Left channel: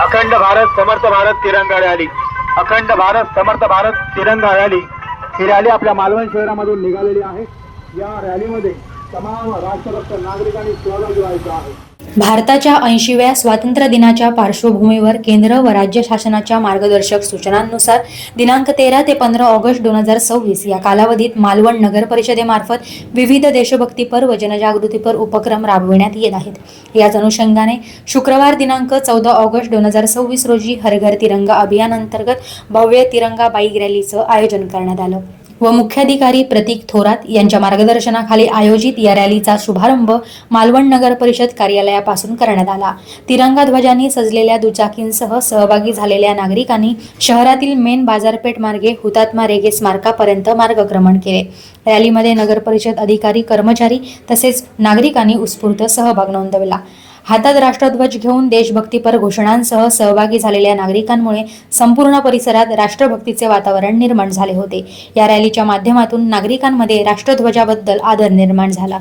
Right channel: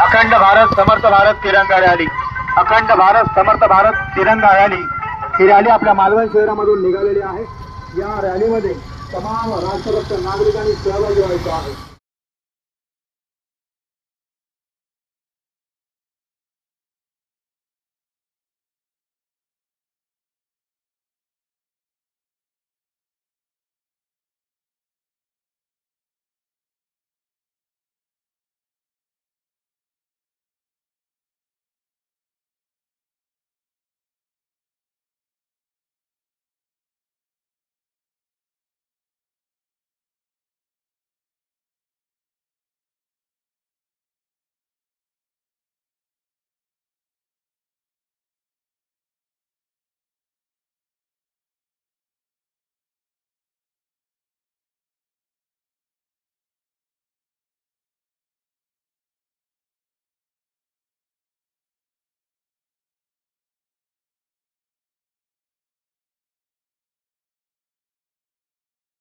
अखंड भारत समर्थ भारत तिरंगा रॅली, अखंड भारत समर्थ भारत तिरंगा रॅली ही रॅली आपल्या मालवण शहरामधून निघालेली आहे। या रॅलीमध्ये तमाम राष्ट्रभक्त नागरिकांनी सहभागी व्हायचं आहे। भारताच्या 80व्या स्वातंत्र्य दिनाच्या पार्श्वभूमीवर केंद्र व राज्य शासनाच्या मार्गदर्शक सूचनांनुसार दिनांक 13 ते 15 ऑगस्ट 2026 या कालावधीत मालवण नगर परिषदेमार्फत विविध देशभक्तीपर व जनजागृतीपर उपक्रम राबविण्यात येत आहेत। याच अनुषंगाने शुक्रवार दिनांक 14 ऑगस्ट 2026 रोजी हर घर तिरंगा अभियान अंतर्गत भव्य तिरंगा बाईक रॅलीचं आयोजन करण्यात आलं व मुख्याधिकारी प्रतीक थोरात यांच्या मार्गदर्शनाखाली आयोजित या रॅलीचा शुभारंभ मालवण नगर परिषद कार्यालयापासून करण्यात आला। तिरंगा ध्वजांनी सजलेल्या दुचाकींसह सहभागी झालेल्या नागरिकांनी शहरातील मेन बाजारपेठ मार्गे हुतात्मा रेगे स्मारकापर्यंत मार्गक्रमण केले। रॅलीमध्ये नगर परिषद अधिकारी, कर्मचारी तसेच नागरिकांनी उत्स्फूर्त सहभाग नोंदवला। हातात राष्ट्रध्वज घेऊन देशभक्तीपर घोषणांसह सहभागी झालेल्या नागरिकांमुळे संपूर्ण परिसरात राष्ट्रभक्तीचे वातावरण निर्माण झाले होते। या रॅलीच्या माध्यमातून नागरिकांमध्ये राष्ट्रध्वजाबद्दल आदर निर्माण झाला।